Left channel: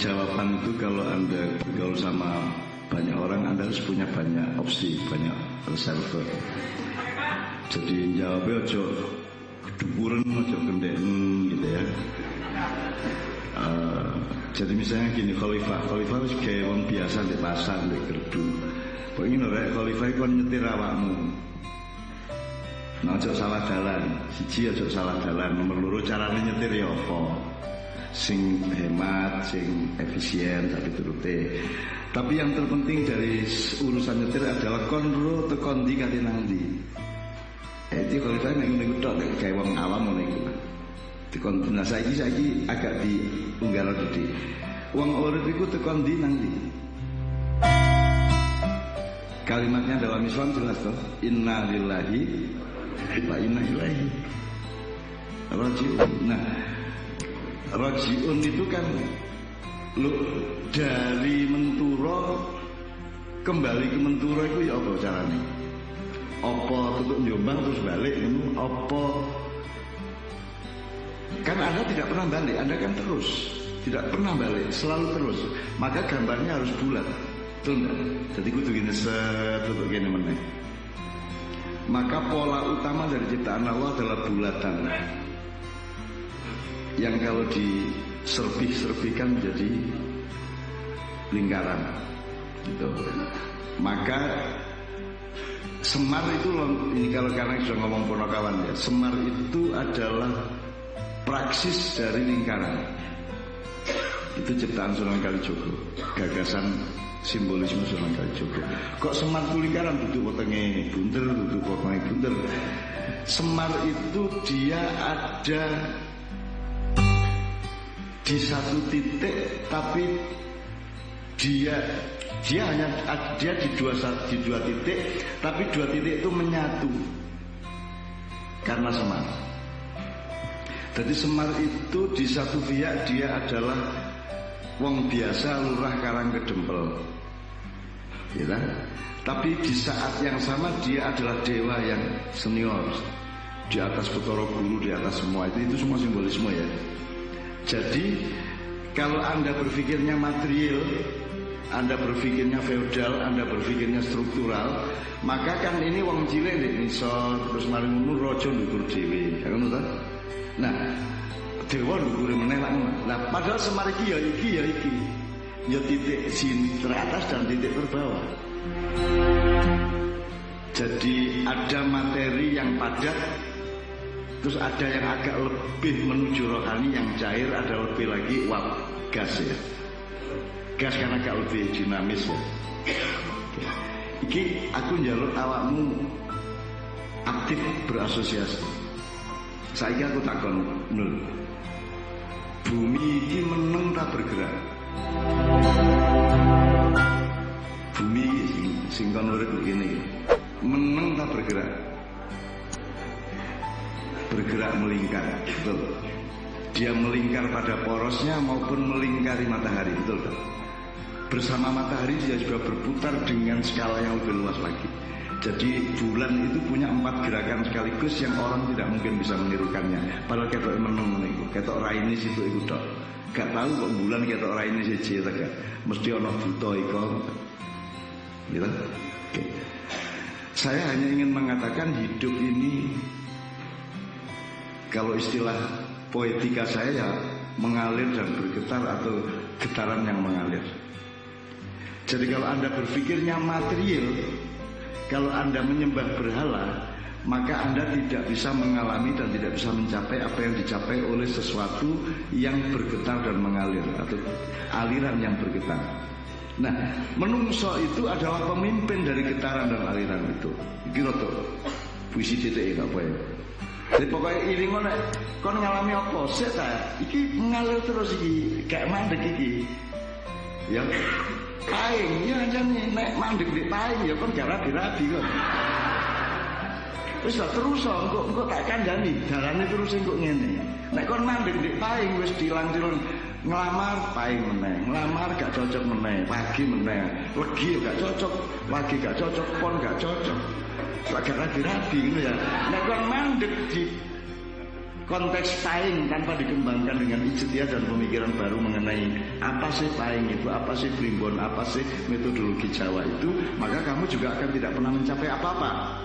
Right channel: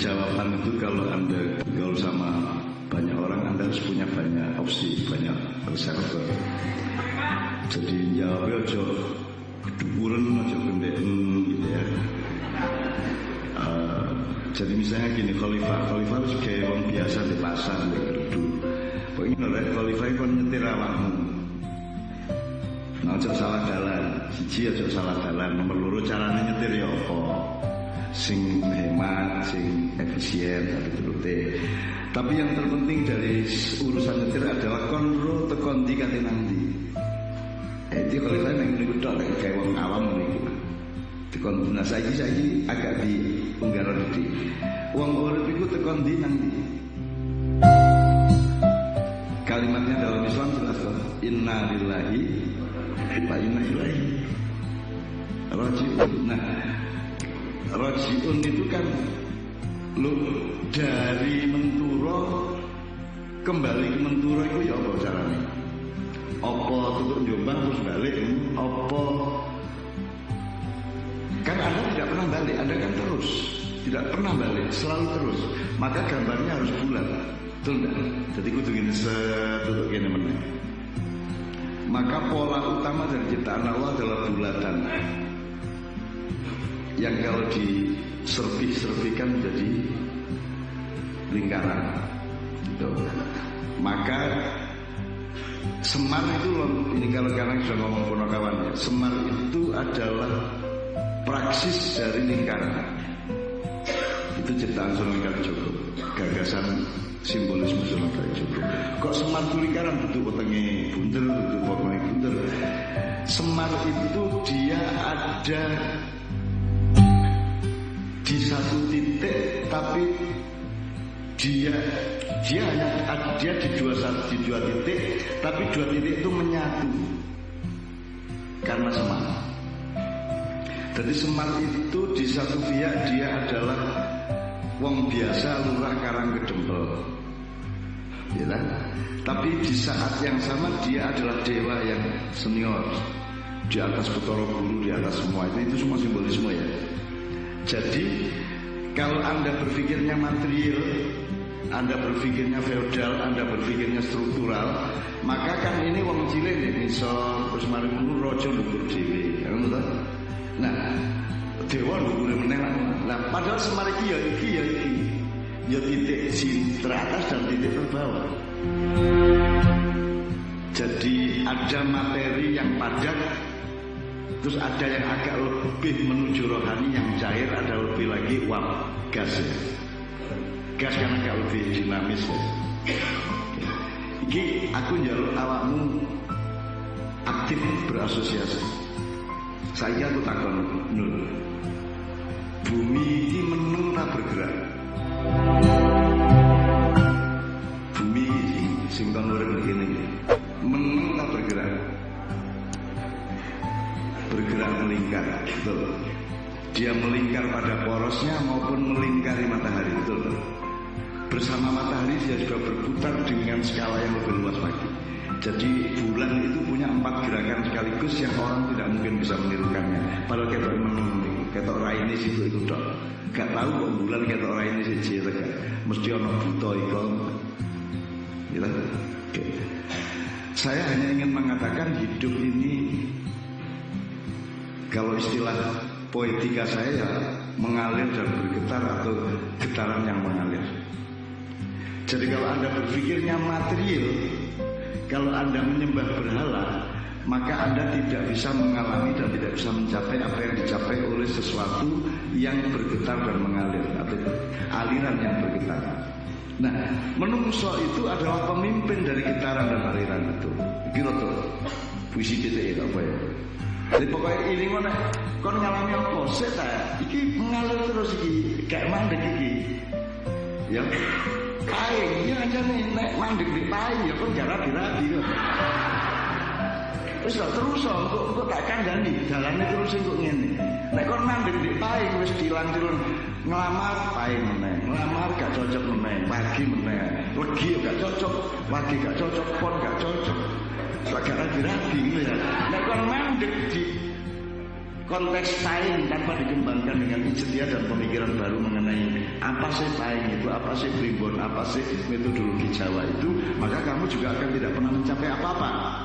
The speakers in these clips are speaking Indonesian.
jawaban itu kalau Anda bergaul sama banyak orang, Anda harus punya banyak opsi, banyak reserve. Jadi jawabnya ojo kedukuran, ojo kendeken gitu ya. Jadi misalnya gini, khalifah wis gawe wong biasa di pasar, di gerdu. Kok ini rek khalifah kon nyetir awakmu. Nah, ojo salah dalan. Siji ojo salah dalan, nomor loro carane nyetir ya apa? Sing hemat, sing efisien tapi turute. Tapi yang terpenting dari urusan nyetir adalah konro tekon ndi kate nang ndi. Itu khalifah nek ngono iku tok, nek gawe wong awam ngono iku. Tekon nah saiki agak diunggah didik. Wong urip iku tekon ndi nang ndi? Kalimatnya dalam Islam jelas toh, inna lillahi wa inna ilaihi raji'un. Nah, raji'un itu kan lu dari Menturo kembali ke Menturo itu ya apa carane? Apa tutuk Jombang terus balik ngono? Apa kan Anda tidak pernah balik, Anda kan terus tidak pernah balik, selalu terus. Maka gambarnya harus bulat, betul enggak? Jadi kudu gini setutuk gini meneh. Maka pola utama dari ciptaan Allah adalah bulatan, yang kalau diserpih-serpihkan menjadi lingkaran gitu. Maka Semar itu, ini kalau karena sudah ngomong Ponokawan ya, Semar itu adalah praksis dari lingkaran. Itu ciptaan Sunan Kalijogo, gagasan simbolisme Sunan Kalijogo. Kok Semar itu lingkaran, duduk wetenge bunder, duduk wetenge bunder. Semar itu dia ada di satu titik, tapi dia di dua titik, tapi dua titik itu menyatu karena Semar. Jadi Semar itu di satu pihak dia adalah wong biasa, lurah Karangkedempel, ya. Tapi di saat yang sama dia adalah dewa yang senior, di atas Bathara Guru, di atas semua itu semua simbolisme ya. Jadi kalau Anda berpikirnya material, Anda berpikirnya feodal, Anda berpikirnya struktural, maka kan ini wong cilik nek nisor terus mari ngono raja ndukur dhewe, ngono ta? Nah, dewa ndukure meneh lak ngono. Lah padahal Semar iki ya iki. Ya titik teratas dan titik terbawah. Jadi ada materi yang padat, terus ada yang agak lebih menuju rohani, yang cair, ada lebih lagi uap gas ya. Gas karena agak lebih dinamis ya. Iki aku njaluk awakmu aktif berasosiasi. Saiki aku takon Nul, bumi iki meneng tak bergerak? Bumi sing kon urip ngene iki meneng tak bergerak? Bergerak melingkar, betul. Dia melingkar pada porosnya maupun melingkari matahari, betul tak? Bersama matahari dia juga berputar dengan skala yang lebih luas lagi. Jadi bulan itu punya 4 gerakan sekaligus yang orang tidak mungkin bisa menirukannya. Padahal ketok meneng niku, ketok raine situ iku tok. Gak tahu kok bulan ketok raine siji ta gak. Mesti ana buta iku. Gitu. Oke. Saya hanya ingin mengatakan hidup ini, kalau istilah poetika saya ya mengalir dan bergetar atau getaran yang mengalir. Jadi kalau Anda berpikirnya material, kalau Anda menyembah berhala, maka Anda tidak bisa mengalami dan tidak bisa mencapai apa yang dicapai oleh sesuatu yang bergetar dan mengalir, atau aliran yang bergetar. Nah, menungso itu adalah pemimpin dari getaran dan aliran itu. Iki rada puisi titik ya apa ya. Jadi pokoknya iling nek kon ngalami apa sik ta? Iki mengalir terus iki, gak mandek iki. Ya paing ya ancane nek mandek ndek paing ya kon gak rabi-rabi kon. Wis lah terus engko tak kandhani dalane terus engko ngene. Nek kon mandek ndek paing wis dilang-dilang, ngelamar paing meneh, ngelamar gak cocok meneh, pagi meneh, legi gak cocok, lagi gak cocok, pon gak cocok. Gak rabi-rabi ngono ya. Nek kon mandek di konteks paying tanpa dikembangkan dengan ijtihad dan pemikiran baru mengenai apa sih paying itu, apa sih primbon, apa sih metodologi Jawa itu, maka kamu juga akan tidak pernah mencapai apa-apa.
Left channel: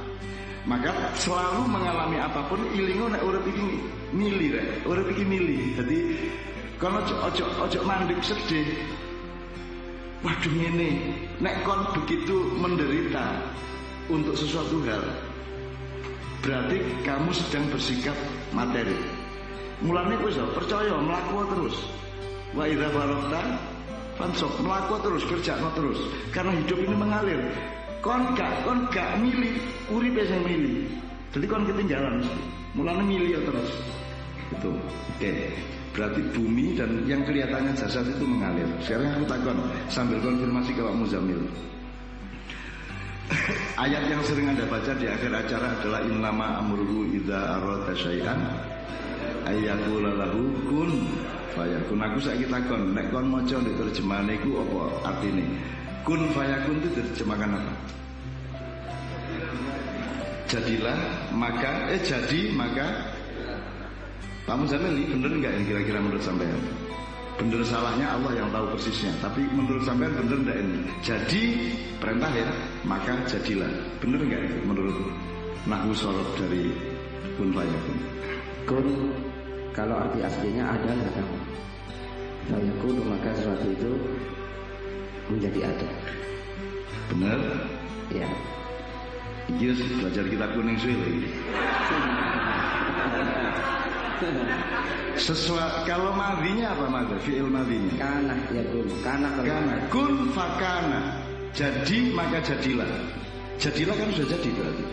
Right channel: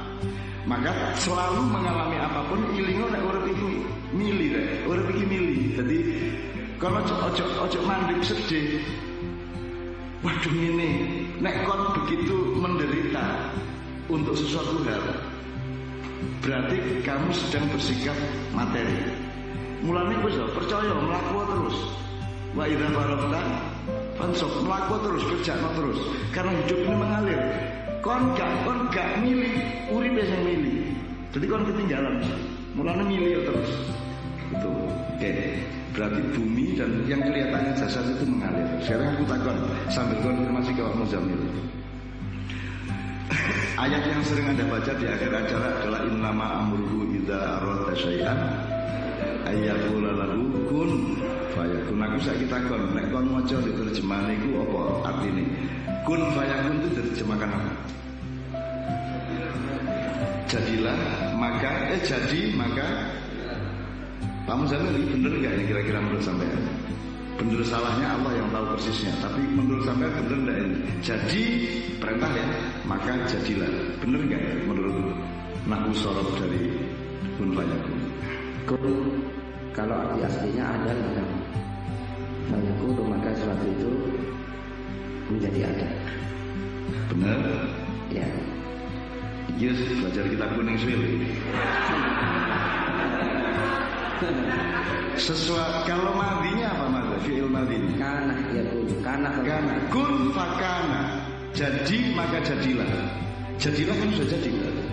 Maka selalu mengalami apapun ilingo nek urip iki mili rek, urip iki mili. Dadi kono ojo mandek sedih. Waduh ngene, nek kon begitu menderita untuk sesuatu hal, berarti kamu sedang bersikap materi. Mulane wis percaya mlaku terus. Wa idza faragta fansab, mlaku terus, kerjakno terus. Karena hidup ini mengalir. Kon gak milih, uripe sing milih. Jadi kon ketinggalan mesti. Mulane milih terus. Gitu. Oke. Berarti bumi dan yang kelihatannya jasad itu mengalir. Sekarang aku takon sambil konfirmasi ke Pak Muzamil. Ayat yang sering Anda baca di akhir acara adalah innama amruhu idza arada syai'an ayyaqula lahu kun fayakun. Aku saiki takon, nek kon maca di terjemahan iku apa artine? Kun fayakun itu diterjemahkan apa? Jadilah maka jadi maka. Pak Muzamil, bener enggak ini kira-kira menurut sampean? Bener salahnya Allah yang tahu persisnya. Tapi menurut sampean bener enggak ini? Jadi perintah ya, maka jadilah. Bener enggak itu menurut nahwu shorof dari kun fayakun? Kun kalau arti aslinya adalah kamu. Fayakun maka sesuatu itu menjadi ada. Bener? Ya. Iya belajar kitab kuning suwe lho ini. Kalau madhinya apa madha? Fi'il madhinya kana yakun, kana kun fakana. Jadi maka jadilah. Jadilah kan sudah jadi berarti.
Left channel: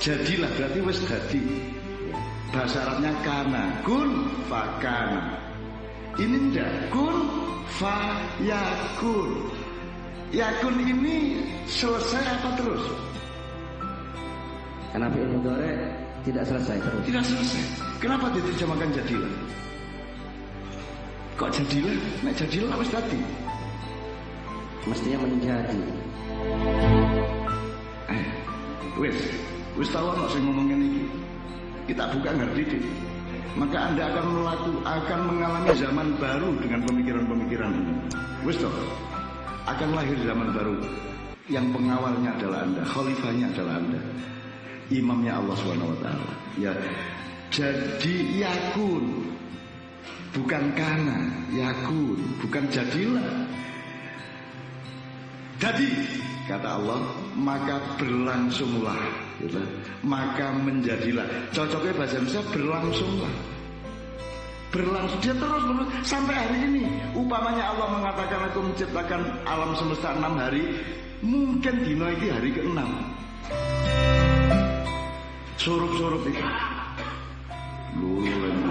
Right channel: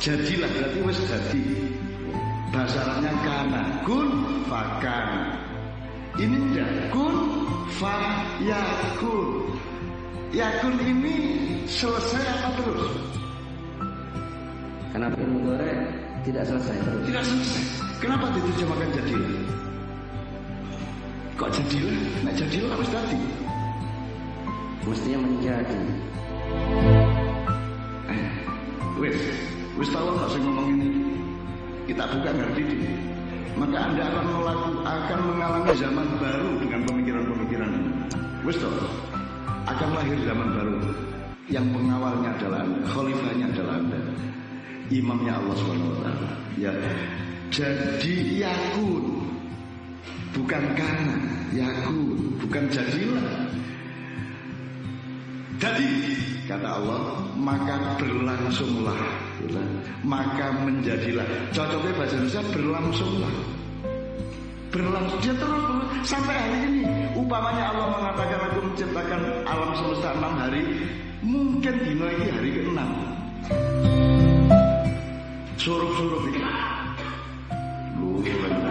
Jadilah berarti wis dadi. Bahasa Arabnya kana, kun fakana. Ini enggak, kun fayakun. Yakun ini selesai apa terus? Karena fi'il mudhari tidak selesai terus. Tidak selesai. Kenapa diterjemahkan jadilah? Kok jadilah? Nek jadilah wis dadi. Mestinya menjadi. Wis tahu ana sing ngomong ngene iki. Kita buka ngerti deh. Maka Anda akan mengalami zaman baru dengan pemikiran-pemikiran ini. Wis toh. Akan lahir zaman baru yang pengawalnya adalah Anda, khalifahnya adalah Anda. Imamnya Allah SWT. Ya. Jadi yakun, bukan kana, yakun, bukan jadilah. Jadi kata Allah, maka berlangsunglah, gitu. Maka menjadilah. Cocoknya bahasa Indonesia berlangsunglah. Berlangsung dia terus sampai hari ini. Upamanya Allah mengatakan aku menciptakan alam semesta 6 hari, mungkin dino iki hari ke-6. Surup-surup itu lulu lagi.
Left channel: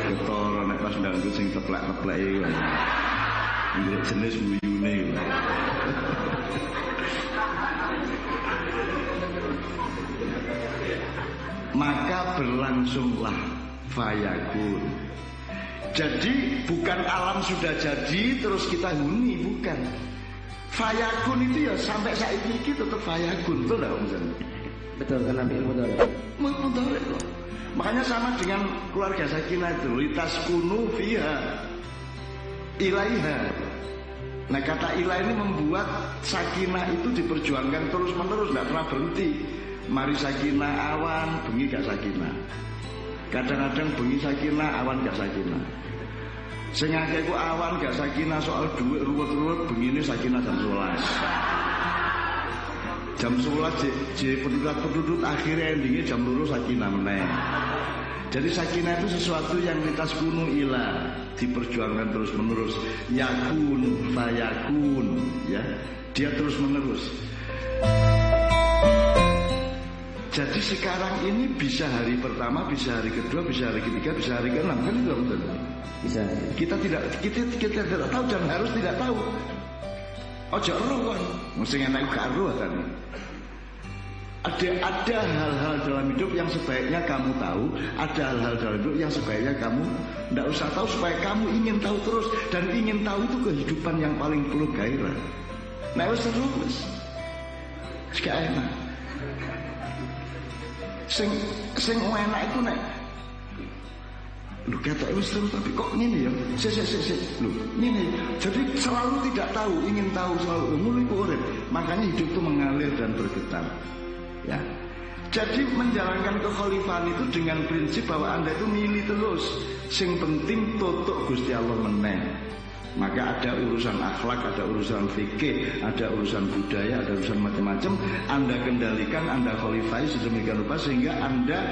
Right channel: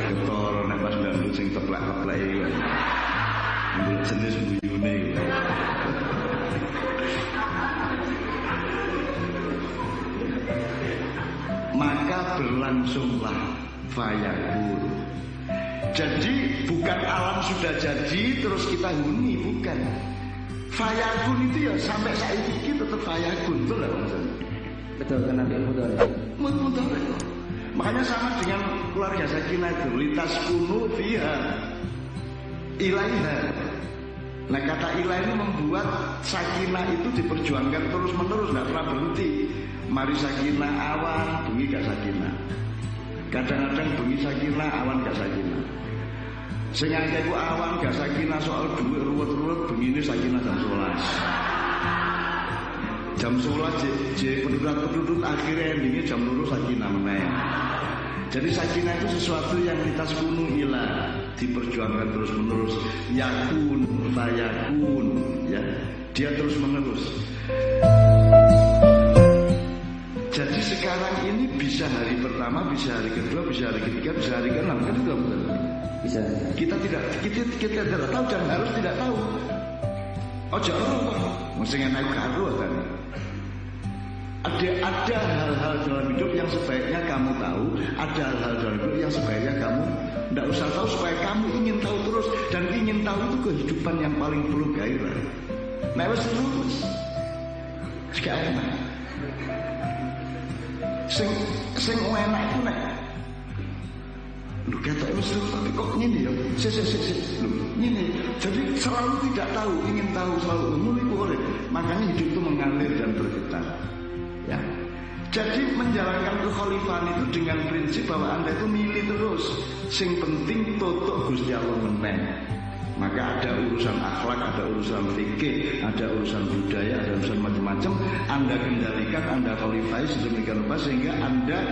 Ketara nek pas ndangdut sing teplek-teplek iki wae. Ndelok jenis mbuyune iki. Maka berlangsunglah fayakun. Jadi bukan alam sudah jadi terus kita huni, bukan. Fayakun itu ya sampai saiki iki tetap fayakun, betul enggak Om? Betul, karena fi'il mudhari. Mudhari kok. Makanya sama dengan keluarga Sakinah itu, litaskunu fiha ilaiha. Nah kata ilah ini membuat Sakinah itu diperjuangkan terus-menerus, enggak pernah berhenti. Mari Sakinah awan, bengi gak Sakinah. Kadang-kadang bengi Sakinah, awan gak Sakinah. Sing akeh ku awan gak Sakinah soal duit ruwet-ruwet, bengine Sakinah jam 11. Jam 11 je penduduk akhirnya endingnya jam 2 Sakinah meneh. Jadi Sakinah itu sesuatu yang litaskunu ila, diperjuangkan terus-menerus. Yakun, fayakun, ya. Dia terus-menerus. Jadi sekarang ini bisa hari pertama, bisa hari kedua, bisa hari ketiga, bisa hari ke-6, kan itu Om? Bisa. Kita tidak tahu dan harus tidak tahu. Ojo ero kon, mesti enak karo tadi. Ada hal-hal dalam hidup yang sebaiknya kamu tahu, ada hal-hal dalam hidup yang sebaiknya kamu tidak usah tahu supaya kamu ingin tahu terus, dan ingin tahu itu kehidupan yang paling penuh gairah. Nah wis seru wis. gak enak. Sing enak iku nek lho ketok wis terus tapi kok ngene ya. Sik. Lho, ngene. Jadi selalu tidak tahu, ingin tahu selalu. Ngono iku urip. Makanya hidup itu mengalir dan bergetar. Ya. Jadi menjalankan kekhalifahan itu dengan prinsip bahwa Anda itu milih terus. Sing penting totok Gusti Allah meneh. Maka ada urusan akhlak, ada urusan fikih, ada urusan budaya, ada urusan macam-macam. Anda kendalikan, Anda khalifai sedemikian rupa sehingga Anda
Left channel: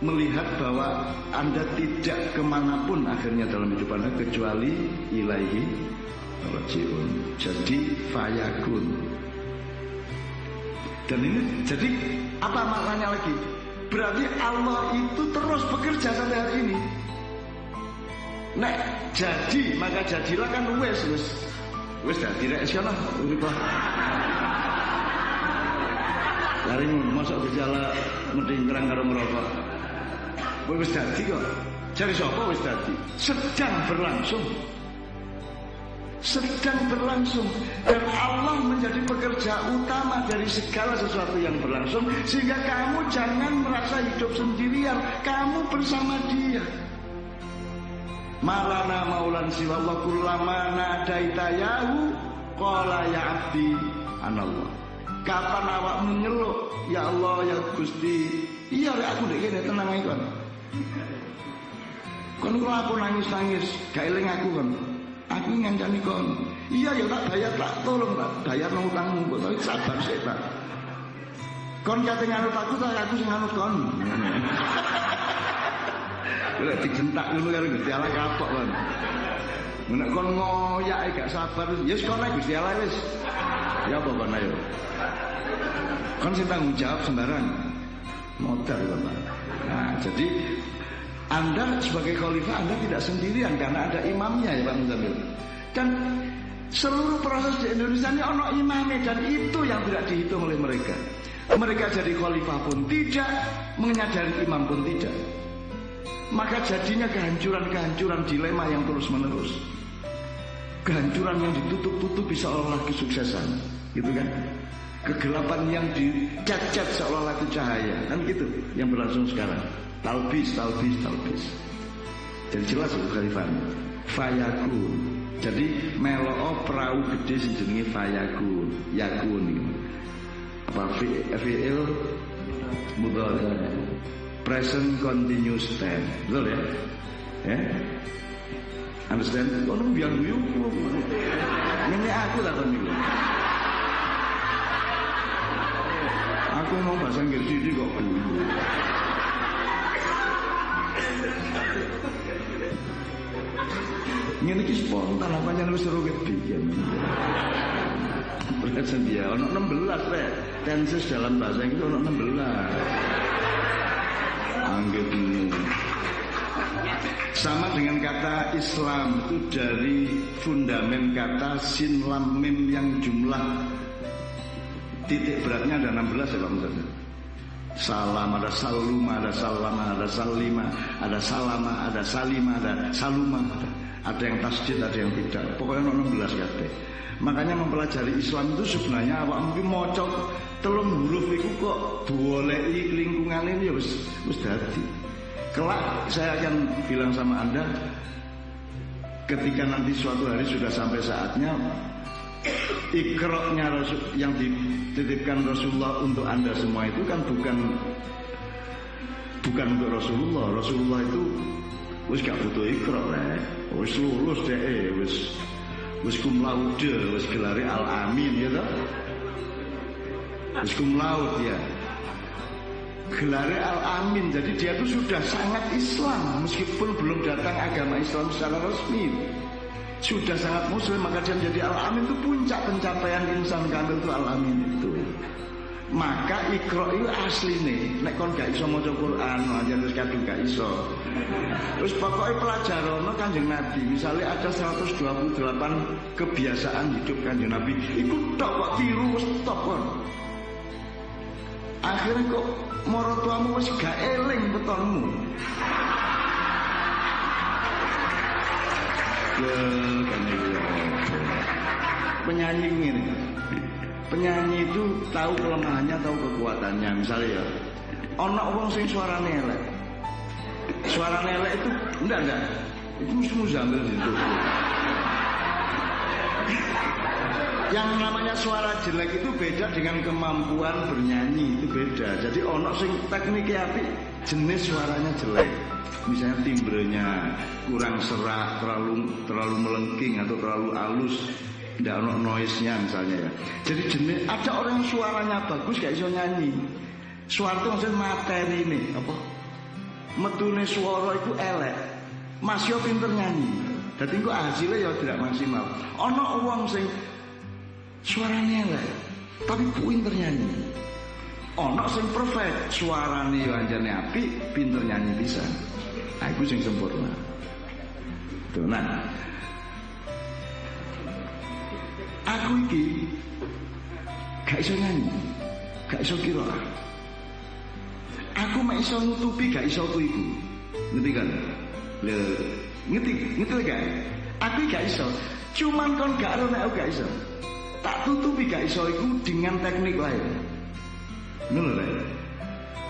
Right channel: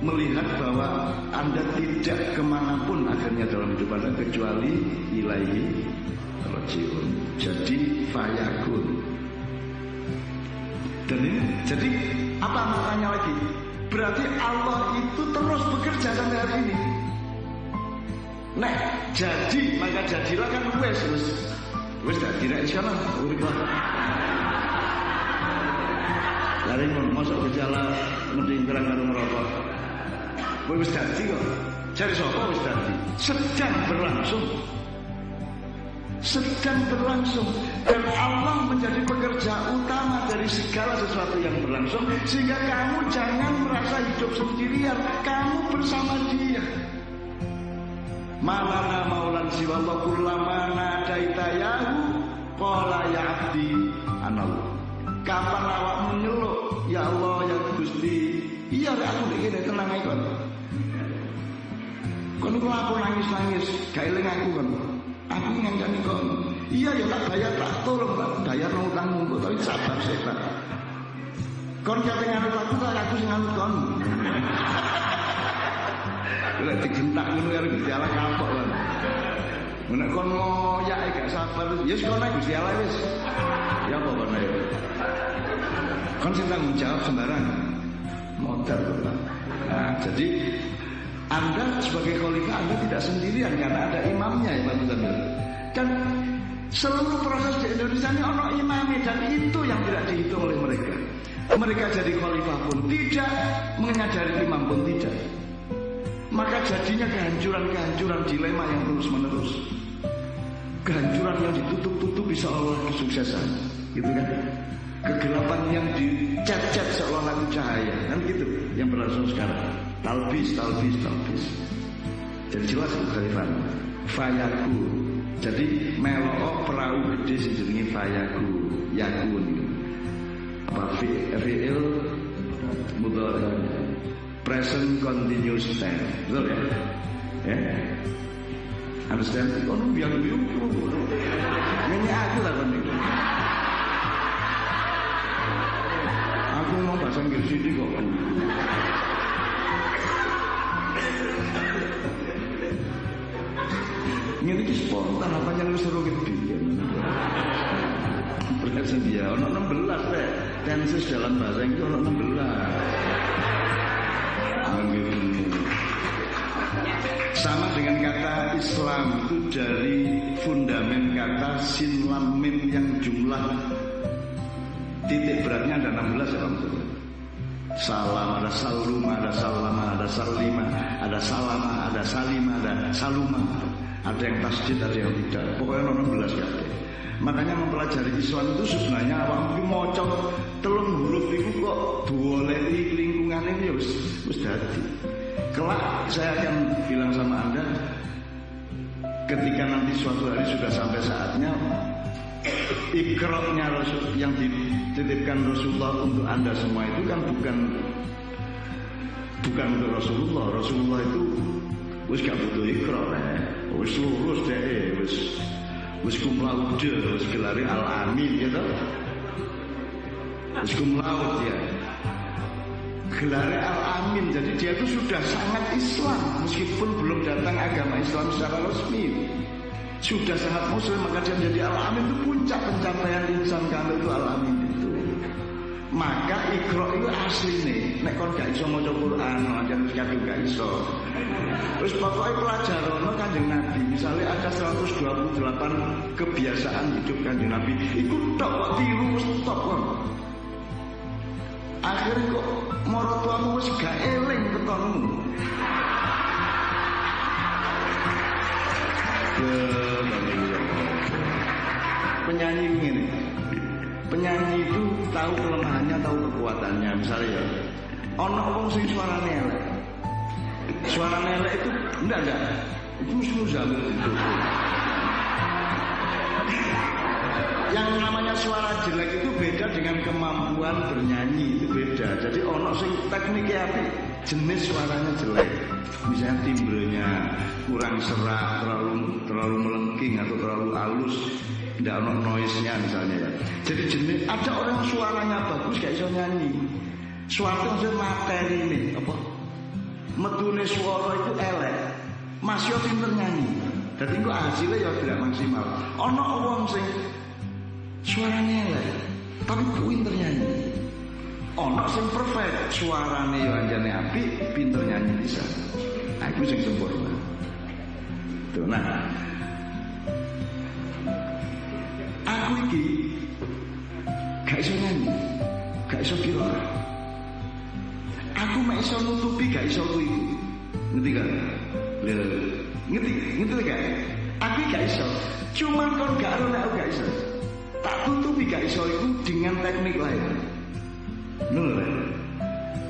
melihat bahwa Anda tidak kemanapun akhirnya dalam hidup Anda kecuali ilaihi rajiun. Jadi fayakun. Dan ini jadi apa maknanya lagi? Berarti Allah itu terus bekerja sampai hari ini. Nek jadi maka jadilah kan wis dadi rek sono urip. Lari ngono mosok Gusti Allah mendingkrang karo ngerokok. Wis dadi kok. Jare sapa wis dadi? Sedang berlangsung. Dan Allah menjadi pekerja utama dari segala sesuatu yang berlangsung sehingga kamu jangan merasa hidup sendirian, kamu bersama Dia. Malana maulan siwallah kullama nadaita yahu qala ya abdi anallah. Kapan awakmu nyeluk ya Allah ya Gusti, iya rek aku ndek kene tenang ae kon. Kon kula apa nangis-nangis gak eling aku kon. Aku ngancani kon. Iya ya tak bayar, tak tolong tak bayar nang utangmu kok tapi sabar sik tak. Kon kate nganut aku tak aku sing nganut kon. Lek digentak ngono karo Gusti Allah kapok kon. Nek kon ngoyak gak sabar ya wis kon ae Gusti Allah wis. Ya apa kon ayo. Kon sing tanggung jawab sembarang. Modal kon, Pak. Nah, jadi Anda sebagai khalifah Anda tidak sendirian karena ada imamnya ya Pak Muzamil. Dan seluruh proses di Indonesia ini ono imamnya dan itu yang tidak dihitung oleh mereka. Mereka jadi khalifah pun tidak, menyadari imam pun tidak. Maka jadinya kehancuran-kehancuran dilema yang terus-menerus. Kehancuran yang ditutup-tutupi seolah-olah kesuksesan, gitu kan? Kegelapan yang dicat-cat seolah-olah itu cahaya, kan gitu yang berlangsung sekarang. Talbis. Jadi jelas itu khalifahannya. Fayakun. Jadi meloo perahu gede sing jenenge fayakun. Yakun gitu. Apa fi'il mudhari. Present continuous tense. Betul ya? Ya? Understand? Kono biang guyu. Ngenyek aku tak kon niku. Aku mau bahasa Inggris iki kok guyu. Ngene iki spontan apa yang wis seru gede. Present dia ono 16 rek. Tenses dalam bahasa Inggris ono 16. Anggitmu. Sama dengan kata Islam itu dari fundamen kata sin lam mim yang jumlah titik beratnya ada 16 ya Pak Muzamil. Salam, ada saluma, ada salama, ada salima, ada salama, ada salima, ada saluma, ada yang tasdid, ada yang tidak. Pokoknya 16 kabeh. Makanya mempelajari Islam itu sebenarnya awak mungkin mocok telung huruf iku kok duolei kelingkungan ini ya wis dadi. Kelak saya akan bilang sama Anda ketika nanti suatu hari sudah sampai saatnya ikroknya yang dititipkan Rasulullah untuk Anda semua itu kan bukan untuk Rasulullah. Rasulullah itu wis gak butuh ikrok rek. Wis lulus dhek, wis cum laude, wis gelare al-amin ya toh. Wis cum laude ya. Gelare al-amin. Jadi dia itu sudah sangat Islam meskipun belum datang agama Islam secara resmi. Sudah sangat muslim, maka dia menjadi al-amin. Itu puncak pencapaian insan kamil itu al-amin itu. Maka ikro itu asli nih. Nek kon gak iso maca Quran, anjen wis kadung gak iso. Wis pokoke pelajarono Kanjeng Nabi. Misalnya ada 128 kebiasaan hidup Kanjeng Nabi. Iku tok kok tiru wis stop kon. Akhirnya kok marotuamu wis gak eling betonmu. Penyanyi ngene. Penyanyi itu tahu kelemahannya, tahu kekuatannya. Misalnya ya, ono wong sing suarane elek. Suarane elek itu enggak. Itu mesti Muzamil itu. Yang namanya suara jelek itu beda dengan kemampuan bernyanyi, itu beda. Jadi ono sing tekniknya apik, jenis suaranya jelek. Misalnya timbrenya kurang serak, terlalu melengking atau terlalu halus, tidak ono noise-nya misalnya ya. Jadi jenis ada orang yang suaranya bagus gak iso nyanyi. Suara itu maksudnya materi nih, apa? Metune suara itu elek. Masih pinter nyanyi. Jadi kok hasilnya ya tidak maksimal. Ono wong sing suaranya elek, tapi pinter nyanyi. Ono sing perfect, suaranya yo anjane apik, pinter nyanyi bisa. Nah, itu sing sempurna. Tuh, nah, aku iki gak iso nyanyi, gak iso qiraah. Aku mek iso nutupi gak iso ku iku. Ngerti kan? Ngerti gak? Aku gak iso. Cuman kon gak ero nek aku gak iso. Tak tutupi gak iso iku dengan teknik lain. Ngono rek.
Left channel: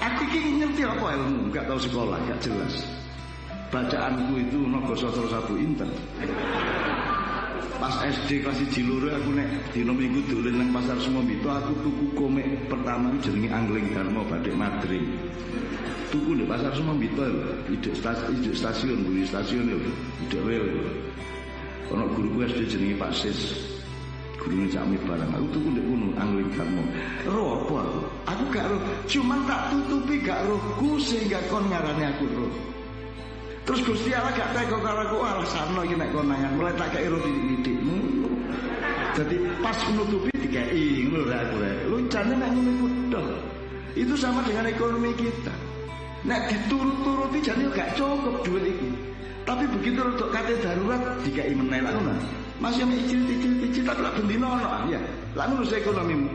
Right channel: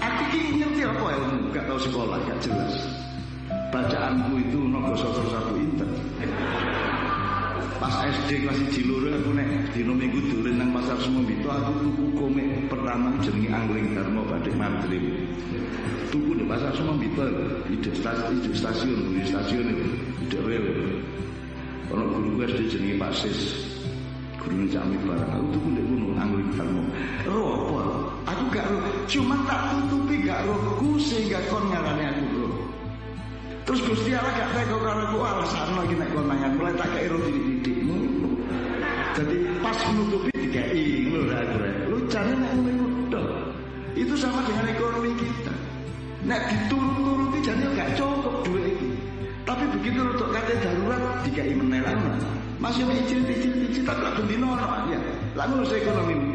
Aku iki ngerti apa ilmu, gak tahu sekolah, gak jelas. Bacaanku itu naga sastra sabu inten. Pas SD kelas 1 loro aku nek dina Minggu dolen nang Pasar Sumambito, aku tuku komik pertama jenenge Angling Dharma Badik Madrim. Tuku di Pasar Sumambito lho, idek stasiun, buri stasiun lho, idek rel lho. Ono guruku SD jenenge Pak Sis. Gurune Cak Mi barang. Aku tuku ndek kono Angling Dharma. Ro apa aku? Aku gak ro, cuman tak tutupi gak rohku sehingga kon ngarane aku roh. Terus Gusti Allah gak teko karo aku, alasane iki nek konangan mulai tak kei ro titik-titik ngono. Dadi pas nutupi dikei ngono rek aku rek. Lucane nek ngono iku tok. Itu sama dengan ekonomi kita. Nek diturut-turuti jane gak cukup duit iki. Tapi begitu rodok kate darurat dikei meneh lak ngono. Masih mek icil-icil tapi lak bendina ono ya. Lak ngono ekonomimu.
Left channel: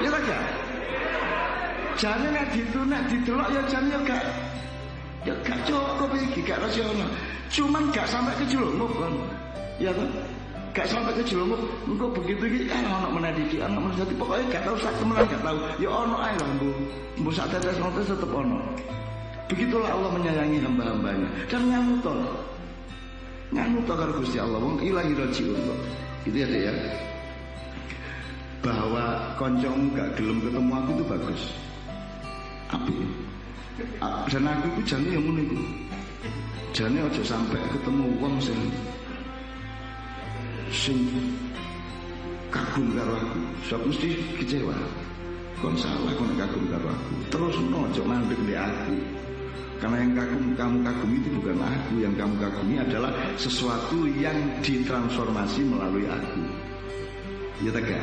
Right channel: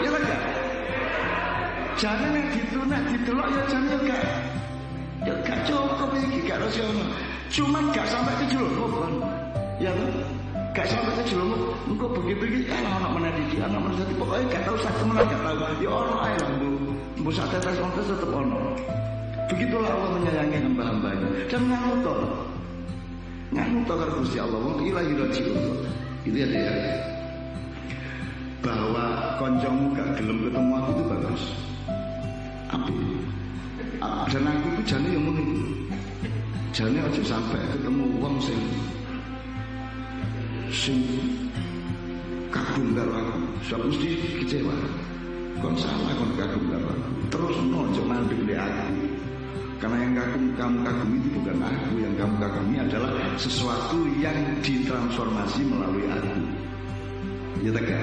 Ya ta gak? Jane nek didelok ya jane ya gak cukup iki, gak rasional. Cuman gak sampai kejelungup kan. Ya toh? Gak sampai kejelungup. Engko begitu iki ono meneh iki, ono meneh dadi pokoke gak tau sak temenan gak tau. Ya ono ae lah mbuh sak tetes-tetes tetep ono. Begitulah Allah menyayangi hamba-hambanya dan nganutol. Nganutol karo Gusti Allah wong ilahi rajiun kok. Itu ya, Dek ya. Bahwa koncomu gak gelem ketemu aku itu bagus. Apik. Dan aku itu jane yang ngono iku. Jane aja sampai ketemu wong sing kagum karo aku. Sebab mesti kecewa. Kon salah kon kagum karo aku. Terus aja mandek ndek aku. Karena yang kamu kagumi itu bukan aku. Yang kamu kagumi adalah sesuatu yang ditransformasi melalui aku. Ya tegak.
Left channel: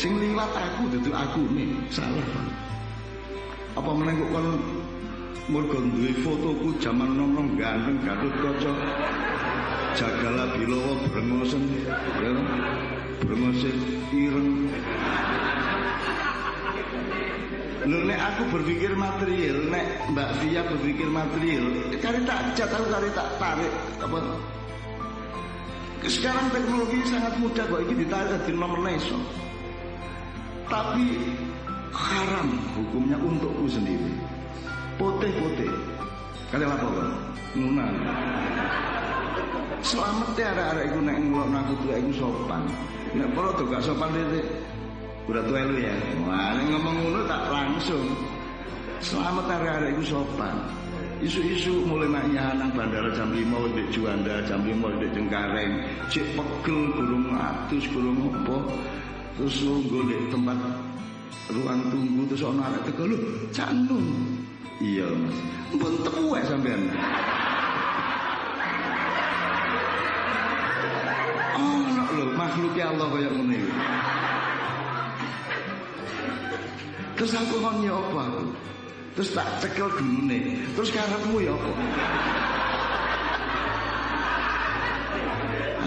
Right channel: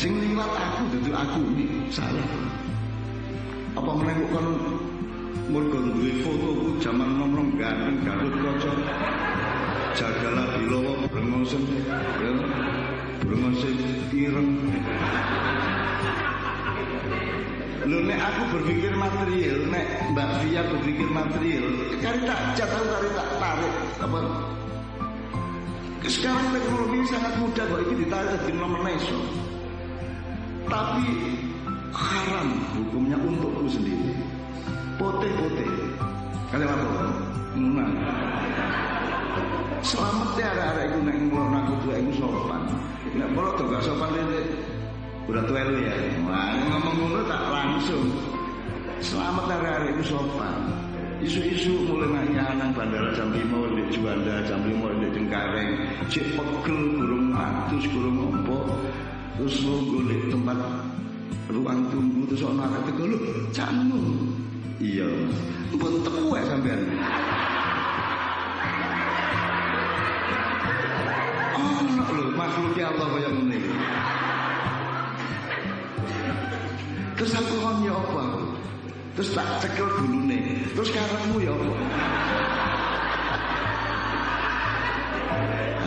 Sing liwat aku dudu aku nih. Salah kon. Apa meneng kok kon mergo duwe fotoku jaman nom-nom ganteng Gatot Kaca. Jagala bilawa brengosen, ya. Brengose ireng. Lho nek aku berpikir material, nek Mbak Via berpikir material, kari tak tahu kari tak tarik apa. Sekarang teknologi sangat mudah kok iki ditarik di nomor iso. Tapi haram hukumnya untukku sendiri. Pote-pote. Kalian apa kan? Nunang. Selamat ya arek-arek iku nek ngelokno aku tuwek iku sopan. Nek polo do gak sopan titik. Udah tuwek lu ya. Wah, nek ngomong ngono tak langsung. Selamat arek-arek iku sopan. Isu-isu mulai nak nang bandara jam 5 ndek Juanda, jam 5 ndek Cengkareng, cek pegel gurung atus gurung apa. Terus lungguh ndek tempat ruang tunggu terus ana arek teko lho, Cak Nun. Iya, Mas. Mpun tuwek sampean. Ono lho makhluke Allah kaya ngono iki. Terus aku kon ya apa aku? Terus tak cekel gulune. Terus karepmu ya apa?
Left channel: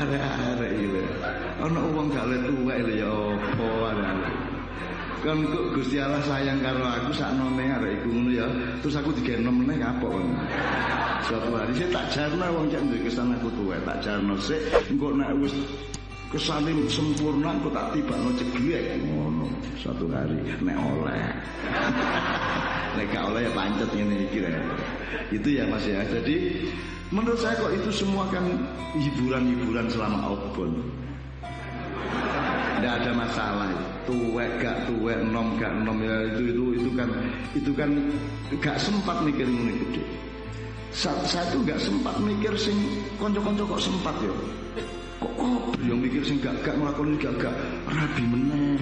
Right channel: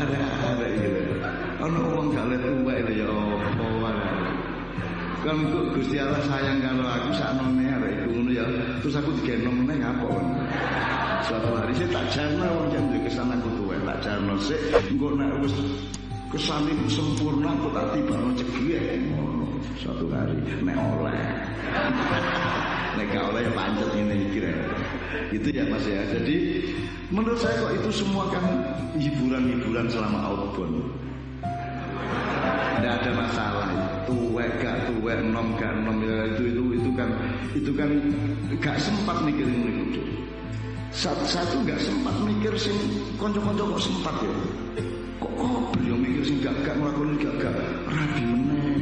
Arek-arek iki lho. Ana wong gak le tuwek lho ya apa arek-arek. Kan kok Gusti Allah sayang karo aku saknone arek iku ngono ya. Terus aku digenom meneh kapok kan. Suatu hari saya tak jarno wong cek duwe kesan aku tuwek, tak jarno sik engko nek wis kesane sempurna kok tak tibakno ceglek ngono satu hari nek oleh. Nek gak oleh ya pancet ngene iki rek. Itu ya Mas ya. Jadi menurut saya kok itu semua kan hiburan-hiburan selama outbound. Tidak ada masalah. Tuwek gak tuwek, nom gak nom ya itu kan gak sempat mikir ngono iku, Dik. Satu gak sempat mikir sing kanca-kanca kok sempat ya. Kok kober yang mikir sing gak nglakoni gak rabi meneh.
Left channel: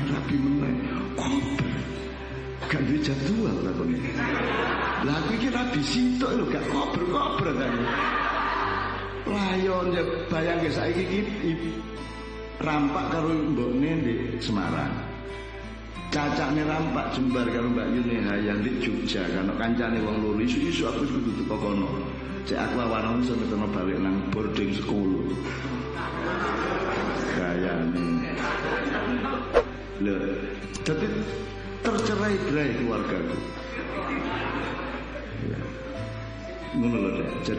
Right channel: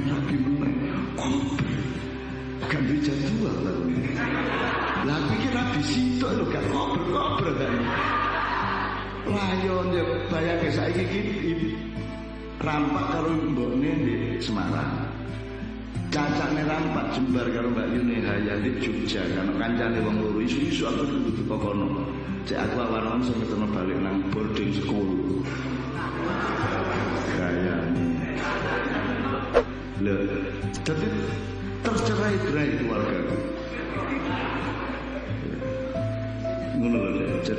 Kober. Gak duwe jadwal takone. Lah aku iki rabi sitok lho gak kober tane. Layon ya bayangke saiki iki rampak karo mbokne ndek Semarang. Cacakne rampak jembar karo Mbak Yune Hayang ndek Jogja. Kan kancane wong loro isu-isu aku kudu teko kono. Cek aku awan-awan iso ngeteno balik nang boarding school. Gayane. Lho, dadi tercerai-berai keluargaku. Ya. Ngono lho, Dek.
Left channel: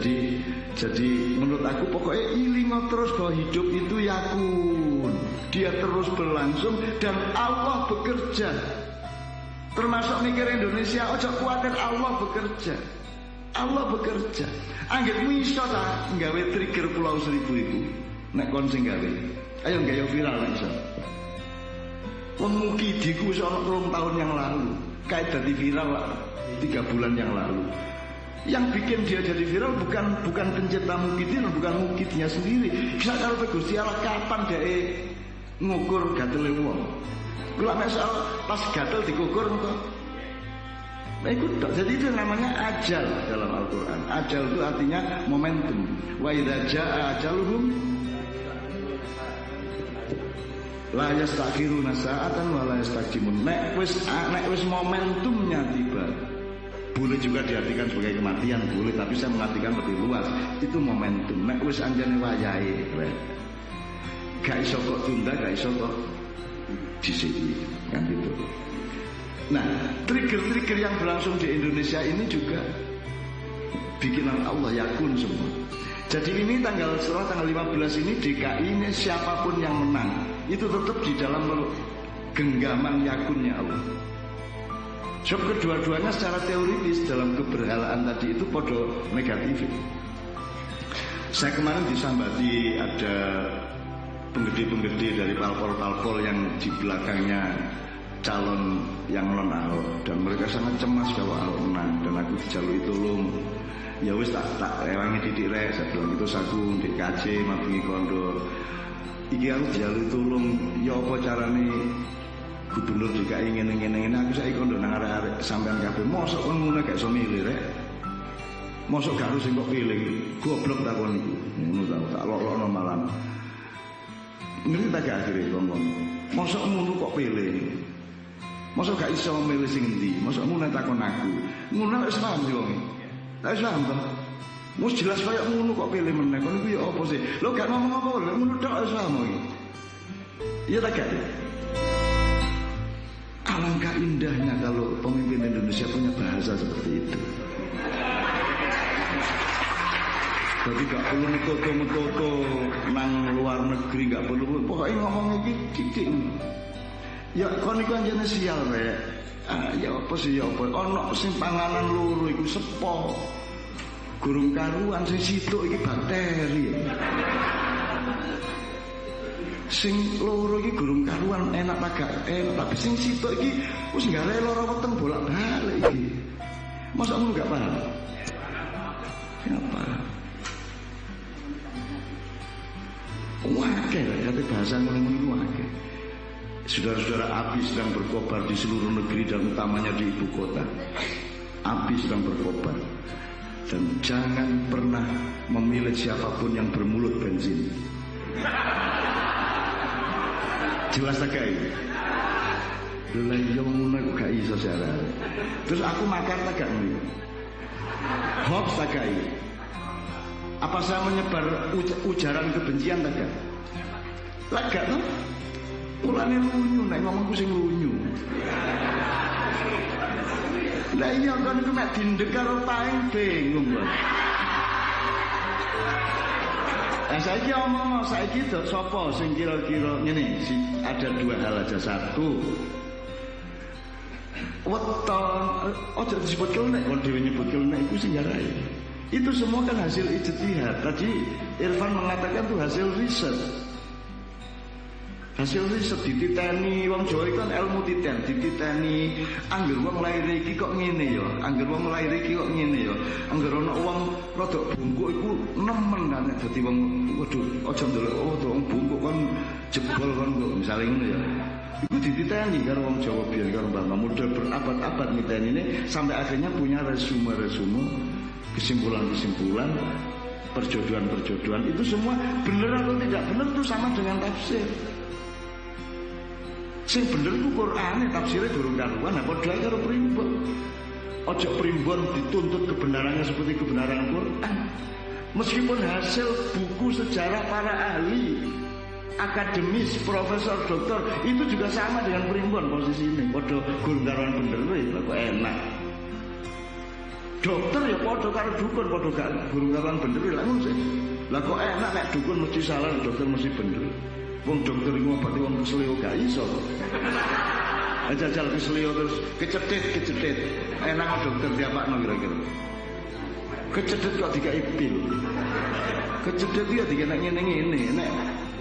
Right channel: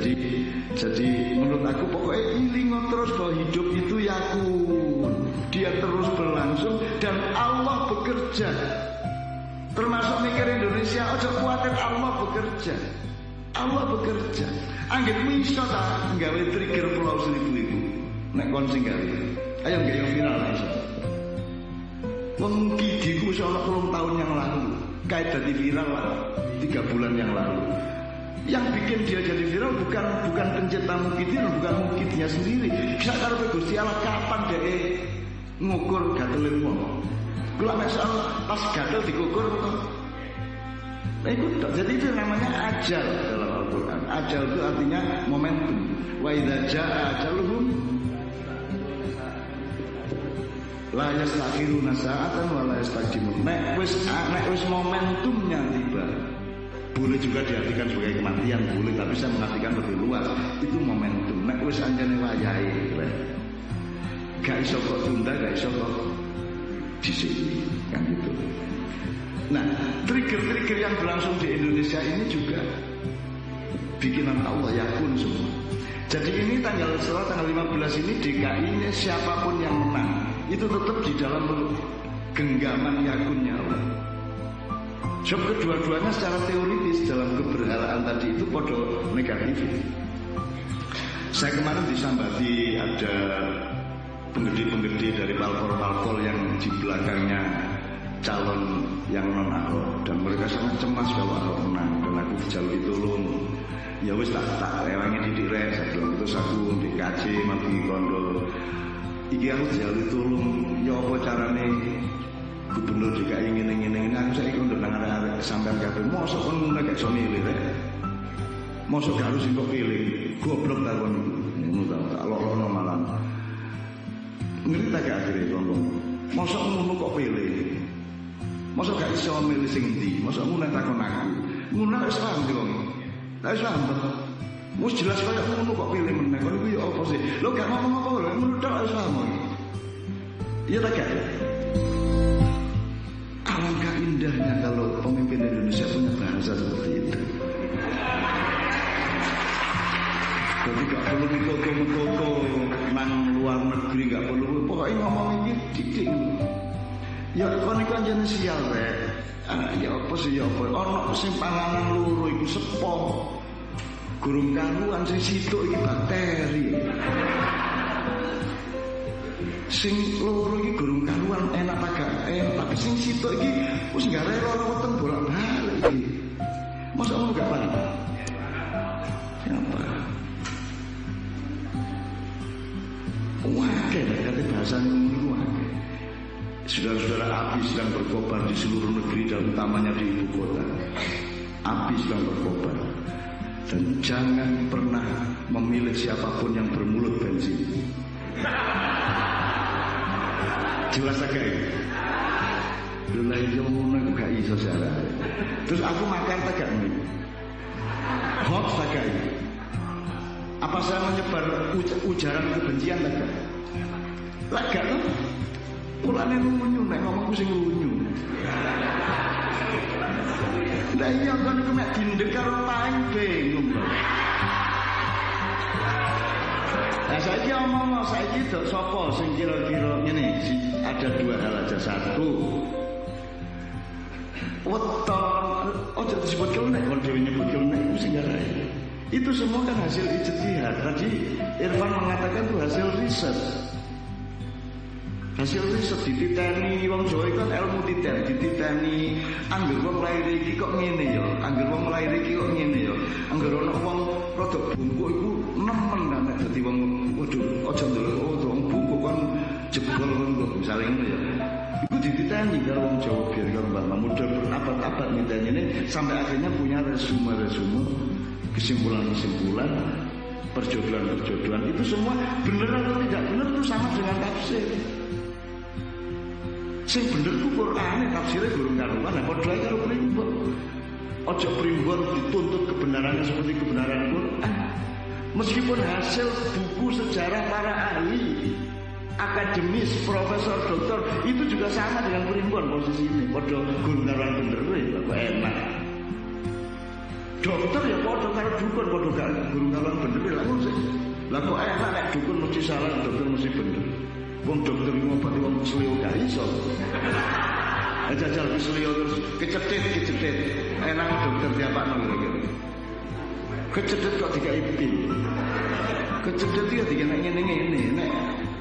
Jadi menurut aku pokoknya ilingo terus bahwa hidup itu yakun. Dia terus berlangsung dan Allah bekerja. Termasuk mikir Indonesia, ojo kuatir Allah bekerja. Allah bekerja. Anggitmu iso ta nggawe trigger Pulau Seribu iku. Nek kon sing gawe. Ayo nggayo viral nek iso. Wong Mukidiku wis ana 3 tahun yang lalu. Kayak dadi viral 3 bulan yang lalu. Yang bikin dia jadi viral bukan pencipta Mukidin, bukan Mukidnya sendiri. Kisah karepe Gusti Allah kapan dhek ngukur gatele wong. Kula mek soal pas gatel dikukur to. Nah itu jadi itu namanya ajal dalam Al-Qur'an. Ajal itu artinya momentum. Wa idza jaa ajaluhum la yastakhiruna sa'atan wa la yastaqdimun. Nek wis momentumnya tiba. Boleh juga diartikan sebagai kematian, boleh, tapi saya mengartikan lebih luas. Itu momentum. Nek wis anjane wayahe, gak iso kok tunda, gak iso kok disiki, kan gitu. Nah, trigger-trigger yang berlangsung di Indonesia ini juga bikinan Allah, yakun semua. Jadi ini setelah tanggal 15 ini DKI ini siapapun yang menang itu tetap di dalam genggaman yakunnya Allah. Sebab kedua-duanya secara teoritis dalam keberhalaan tadi itu podo negatif. Saya kemarin disambati ada penggede-penggede dari parpol-parpol yang di belakangnya calon yang non Ahok, dan mereka sangat cemas kalau Ahok menang, dan aku dijalui tolong. Ya wis tak rewangi didik rek, saya bilang gitu saku ndek KC mabingi kondo. Iki aku dijalui tolong, ya apa carane Gubernur DKI ngene-ngene aku saiki kondo nang arek-arek sampean kabeh. Mosok kon ngono gak iso milih rek. Mosok gak harus kok pilih. Goblok takon iku. Ngono ta, tak lok-lokno malan. Ngerti ta gak akhire kon-kon. Mosok ngono kok pilih. Mosok gak iso milih sing endi. Mosok ngono takon aku. Ngono wis paham sih wong. Tak wis paham to. Wis jelas kaya ngono kok pilih meneh. Kon iku ya apa sih? Lho gak ngomong apa lho, ngono tok wis paham iki. Iya ta gak? Alangkah indahnya kalau pemimpin Indonesia punya bahasa seperti itu. Jadi gak perlu metoto nang luar negeri, gak perlu pokoknya ngomong iki titik. Ya kon iku anjene sial rek. Ya apa sih ya apa? Ono sing panganan loro iku sepo. Gurung karuan sing situk iki bakteri. Sing loro iki gurung karuan enak agak enak, tapi sing sitok iki wis gare lara weteng bolak-balik iki. Mosok ngono gak paham? Siapa? Wakil kata bahasa ngono-ngono ku wakil. Saudara-saudara, api sedang berkobar di seluruh negeri dan utamanya di ibu kota. Api sedang berkobar. Dan jangan pernah memilih siapapun yang bermulut bensin. Jelas tak gak iki? Lho lah iya ngono kok gak iso jarane. Terus aku makar tak gak ngene. Hoax tak gak iki? Apa saya menyebar ujaran kebencian tak gak? Lah gak toh? Mulane lunyu nek ngomongku sing lunyu. Lah iya kon iku mek dindek karo paing bingung kok. Nah saiki omong saiki dok sapa sing kira-kira ngene, ada dua hal aja. Satu, weton ojo disebut kelnek, kon dhewe nyebut kelnek iku sing garai. Itu semua kan hasil ijtihad. Tadi Irfan mengatakan itu hasil riset. Hasil riset dititeni wong Jawa iku kan ilmu titen, dititeni angger wong lair iki kok ngene ya, angger wong lair iki kok ngene ya. Angger ana wong rada bungkuk iku nemen nek dadi wong waduh aja ndelok wong bungkuk kan jebol kan kok misale ngono ya. Iku dititeni karo wong Jawa biyen karo Mbah Muda berabad-abad niteni ini sampai akhirnya punya resume-resume, kesimpulan-kesimpulan, perjodohan-perjodohan itu semua benar atau tidak benar itu sama dengan tafsir. Sing bener ku Qur'ane, tafsirnya gurung karuan, apa padha karo primbon. Ojo primbon dituntut kebenarannya seperti kebenaran Qur'an. Meskipun hasil buku sejarah para ahli, akademis, profesor, doktor itu juga sama dengan primbon posisi ini. Padha gurung karuan bener lah kok enak. Dokter ya padha karo dukun, padha gak gurung karuan bener lah ngono sih. Lah kok enak nek dukun mesti salah, dokter mesti bener. Wong dokter ngobati wong kesleo gak iso kok. Jajal kesleo terus kecedet. Enang dokter diapakno kira-kira. Kecedet kok dikai pil. Kecedet ya dikene ngene-ngene, nek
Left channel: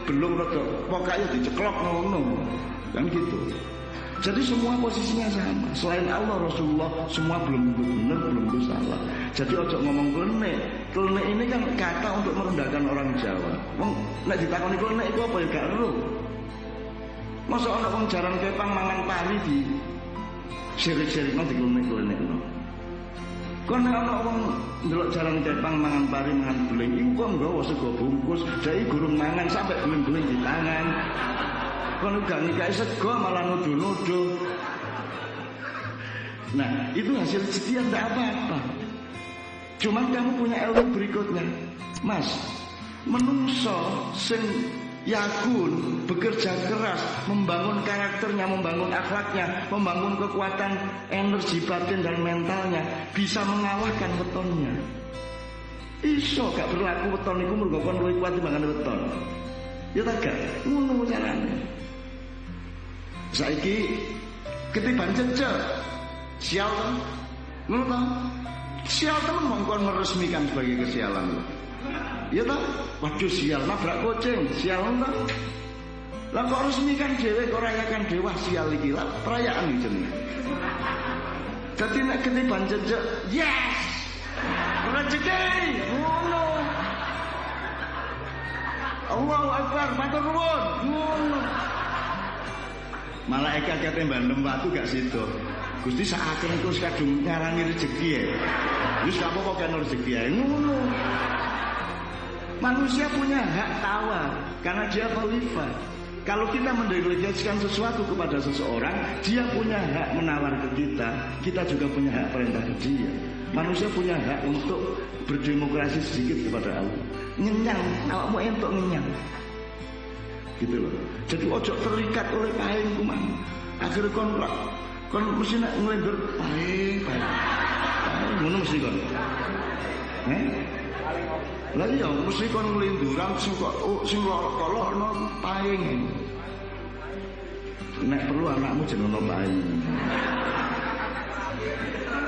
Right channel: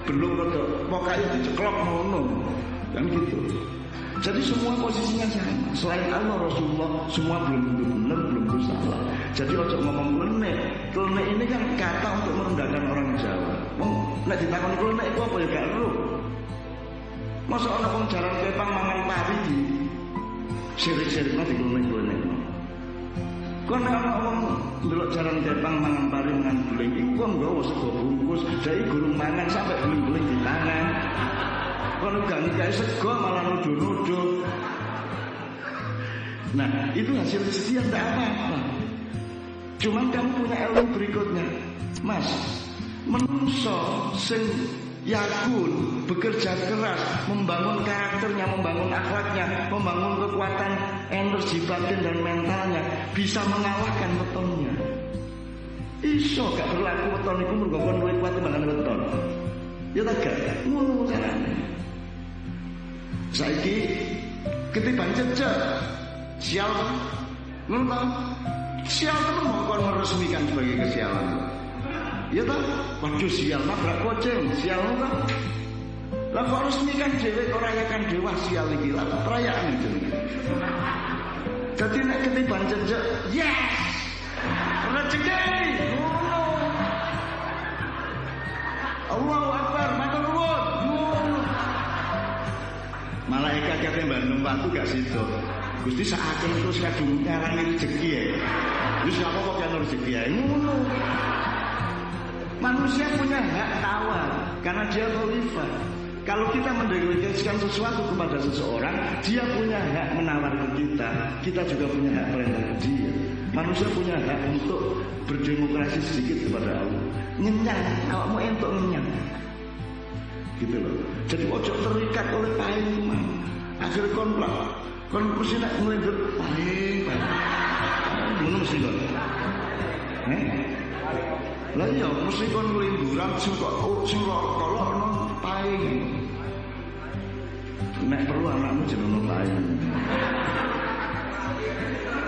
belum rada pokoke ya diceklok ngono. Kan gitu. Jadi semua posisinya sama. Selain Allah, Rasulullah, semua belum tentu benar, belum tentu salah. Jadi ojo ngomong klenek. Klenek ini kan kata untuk merendahkan orang Jawa. Wong nek ditakoni klenek iku apa ya gak ero. Masa ana wong jaran kepang mangan pari di sirik-sirikno diklenek-klenekno. Kon nek ana wong ndelok jaran kepang mangan pari mangan beling iku kok nggawa sego bungkus, dhek gurung mangan sampai beling-beling di tangan. Kon gak ngikae sego malah nuduh-nuduh. Nah, itu hasil ijtihad enggak apa-apa. Cuman kamu punya ilmu berikutnya. Mas, menungso sing yakun, bekerja keras, membangun karakternya, membangun akhlaknya, membangun kekuatan energi batin dan mentalnya, bisa mengalahkan wetonnya. Iso gak berlaku weton iku mergo kon luwih kuat timbangane weton. Ya tak gak ngono carane. Saiki ketiban cecek sial to. Ngono to? Sial temen mongkon meresmikan sebagai kesialan lho. Ya ta? Waduh sial nabrak kucing, sial to. Lah kok resmikan dhewe kok rayakan dewa sial iki. Lah perayaan iki jenenge. Dadi nek ketiban cecek, yes. Rezeki ngono. Allahu Akbar, matur nuwun. Ngono. Malaikat kate Bandung watu gak sido. Gusti sakaken terus kadung ngarani rezeki ya. Wis gak apa-apa kan rezeki ya. Ngono. Manusia punya hak tawar karena dia khalifah. Kalau kita mendelegasikan sesuatu kepada seseorang, dia punya hak menawar ke kita. Kita juga punya hak perintah ke dia. Manusia punya hak untuk berdemokrasi sedikit kepada Allah. Ngenyang, awakmu entuk ngenyang. Gitu loh. Jadi ojo terikat oleh paing kumang. Akhirnya kon mesti nak ngelendur paing. Ngono mesti kon. Lah iya mesti kon ngelenduran sing kolok paing. Nek perlu anakmu jenenge paing.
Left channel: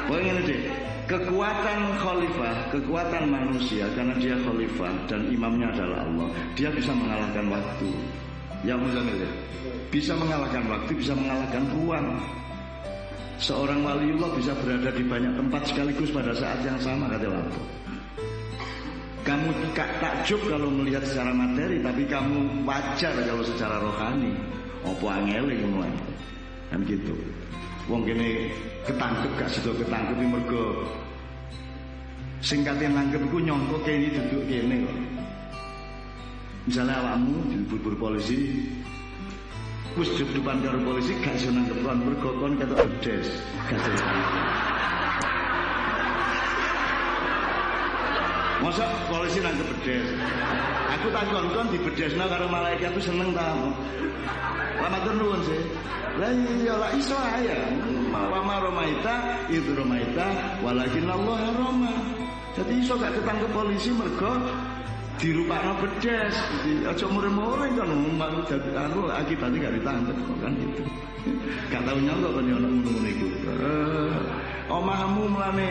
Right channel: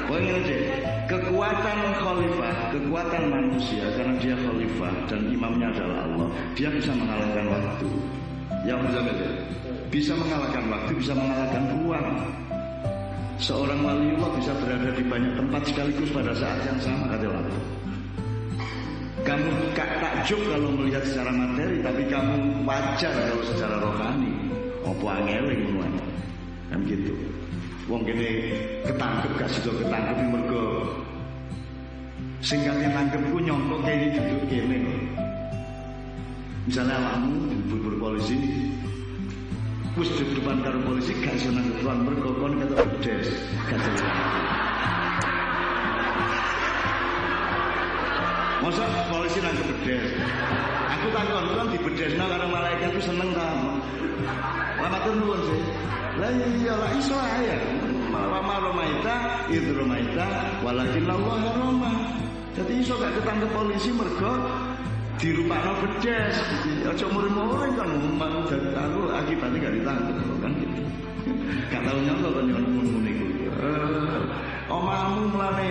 Pokoke ngene Dik. Kekuatan khalifah, kekuatan manusia karena dia khalifah dan imamnya adalah Allah, dia bisa mengalahkan waktu. Ya Muzamil ya. Bisa mengalahkan waktu, bisa mengalahkan ruang. Seorang waliullah bisa berada di banyak tempat sekaligus pada saat yang sama kata lapo. Kamu takjub kalau melihat secara materi, tapi kamu wajar kalau secara rohani. Apa angele ngono ae. Kan gitu. Wong kene ketangkep gak sida ketangkepi mergo sing kate nangkep iku nyangka kene duduk kene kok. Misalnya awakmu dilebur polisi, wis depan karo polisi gak iso nangkep kon mergo kon ketok bedes, gak iso nangkep. Masa polisi nangkep bedes. Aku takon kon dibedesno karo malaikat itu seneng ta? Lah matur nuwun sih. Lah iya lah iso ae. Wa ma romaita id romaita walakin Allah harama. Jadi iso gak ketangkep polisi mergo dirupakno bedes, aja muring-muring kan akibatnya gak ditangkep kok kan gitu. Gak tau nyangka kan yo ono ngono-ngono iku. Omahmu mlane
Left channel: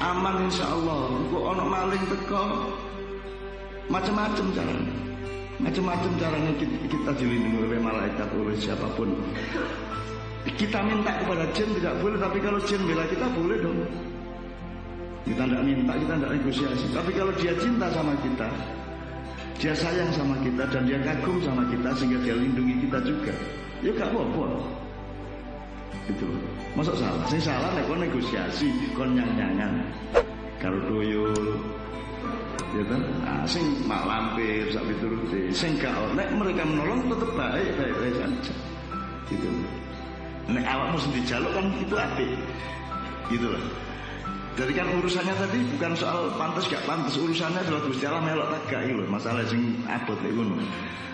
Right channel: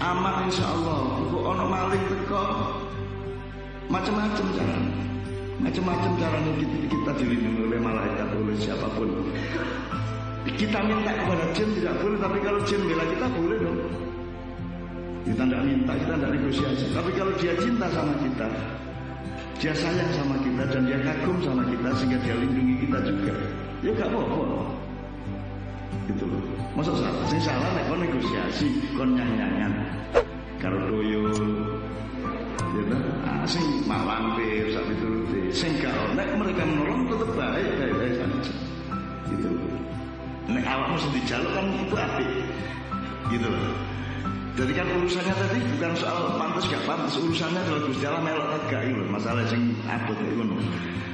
aman insyaallah. Engko ono maling teko macam-macam carane. Macam-macam carane kita dilindungi oleh malaikat, oleh siapapun. Kita minta kepada jin tidak boleh, tapi kalau jin bela kita boleh dong. Kita tidak minta, kita tidak negosiasi. Tapi kalau dia cinta sama kita, dia sayang sama kita, dan dia kagum sama kita, sehingga dia lindungi kita juga, ya gak apa-apa. Gitu loh. Masuk salah? Sing salah nek kon negosiasi, kon nyang-nyangan karo tuyul, gitu. Sing mak lampir sak piturute, sing gak nek mereka menolong tetap baik-baik saja. Gitu loh. Nek awakmu sing dijaluk kan itu apik. Gitu loh. Jadi kan urusannya tadi bukan soal pantas gak pantas, urusannya adalah Gusti Allah melok tak gak lho, masalah sing abot nek ngono.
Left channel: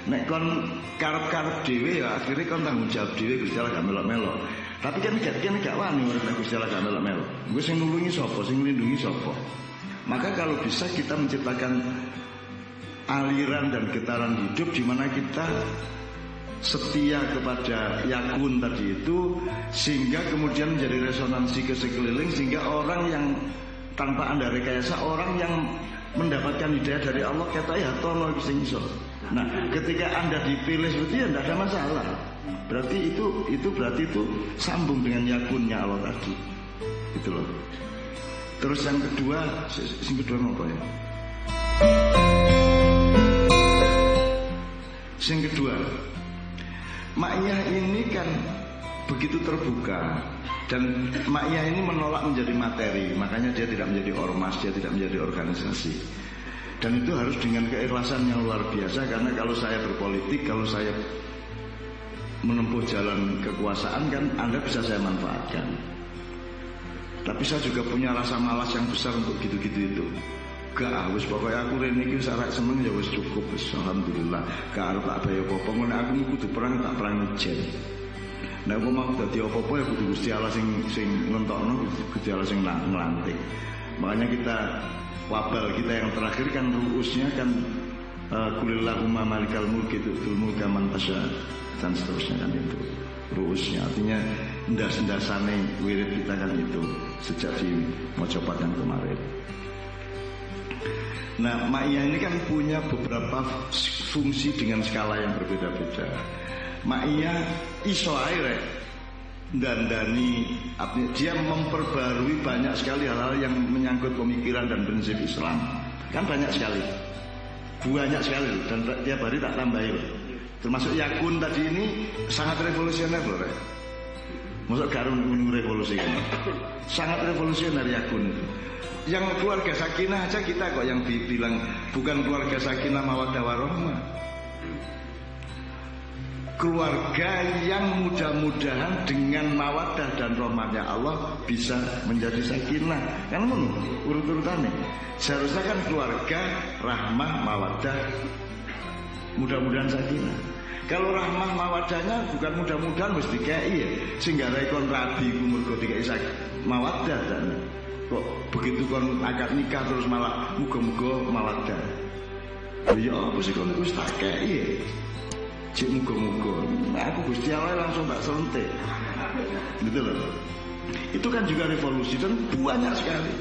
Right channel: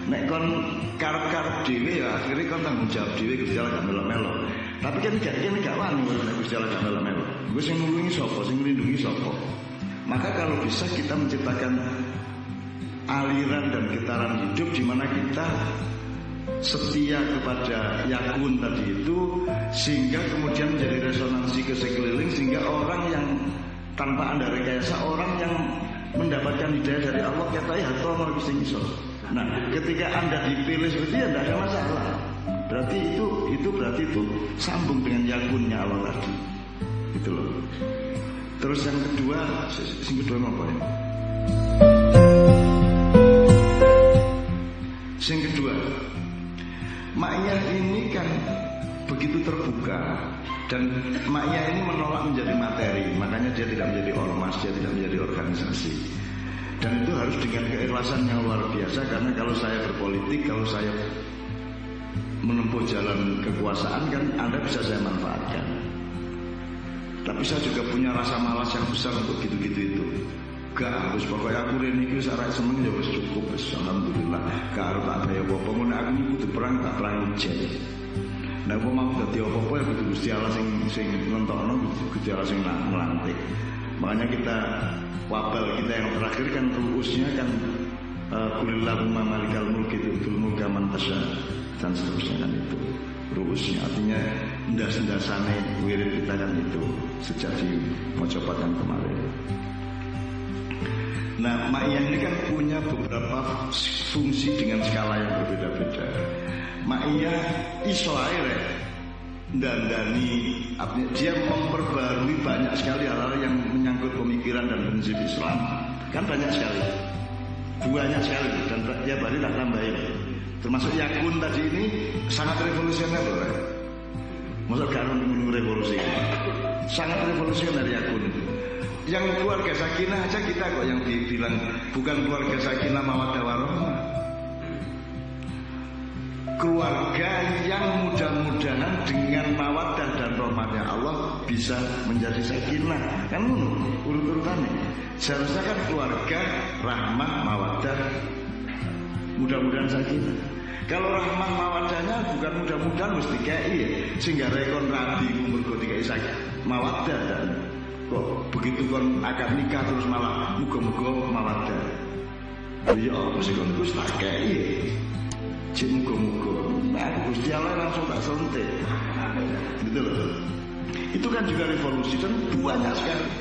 Nek kon karep-karep dhewe ya akhirnya kon tanggung jawab dhewe, Gusti Allah gak melok-melok. Tapi kan gak wani urip nek Gusti Allah gak melok-melok. Gue sing nulungi sapa, sing nglindungi sapa. Maka kalau bisa kita menciptakan aliran dan getaran hidup di mana kita setia kepada yakun tadi itu, sehingga kemudian menjadi resonansi ke sekeliling, sehingga orang yang tanpa Anda rekayasa, orang yang mendapatkan hidayah dari Allah kata ya tono sing iso. Nah, ketika Anda dipilih seperti itu tidak ada masalah. Berarti itu sambung dengan yakunnya Allah tadi. Gitu loh. Terus yang kedua apa ya? Yang kedua, Ma'iyah ini kan begitu terbuka, dan Ma'iyah ini menolak menjadi materi, makanya dia tidak menjadi ormas, dia tidak menjadi organisasi. Dan itu harus dengan keikhlasan yang luar biasa, karena kalau saya berpolitik, kalau saya menempuh jalan kekuasaan kan Anda bisa saya manfaatkan. Tapi saya juga punya rasa malas yang besar untuk gitu-gitu itu. Gak wis pokoknya aku rene iki wis arek seneng ya wis cukup wis alhamdulillah. Gak arep tak bayar apa-apa ngono aku kudu perang tak perang ujen. Nek aku mau dadi apa-apa ya kudu Gusti Allah sing nentokno, Gusti Allah sing nglantik. Makanya kita wabal kita yang terakhir kan ruusnya kan kulillahumma malikal mulki tu'til mulka man tasya dan seterusnya kan itu. Ruusnya artinya ndas-ndasane wirid kita kan itu sejak di mocopat yang kemarin. Nah, Ma'iyah ini kan punya beberapa fungsi dengan skala yang berbeda-beda. Ma'iyah iso ae dandani, dia memperbarui banyak sekali hal-hal yang menyangkut pemikiran dan prinsip Islam. Kan banyak sekali. Banyak sekali loh, dan tiap hari tak tambahi loh. Termasuk yakun tadi ini sangat revolusioner loh. Masuk garun revolusi kan. Sangat revolusioner yakun itu. Yang keluarga sakinah aja kita kok yang bilang bukan keluarga sakinah mawaddah warahmah. Keluarga yang mudah-mudahan dengan mawaddah dan rahmatnya Allah bisa menjadi sakinah. Kan ngono urut-urutannya. Seharusnya kan keluarga rahmah mawaddah mudah-mudahan sakinah. Kalau rahmah mawaddahnya bukan mudah-mudahan mesti kei ya. Sehingga rekon rabi ku mergo dikai mawaddah dan kok begitu kon akad nikah terus malah muga-muga mawaddah. Ya apa sih kon iku tak kei ya. Cik muga-muga. Nah, aku Gusti Allah langsung tak sentik. Gitu loh. Itu kan juga revolusi dan banyak sekali.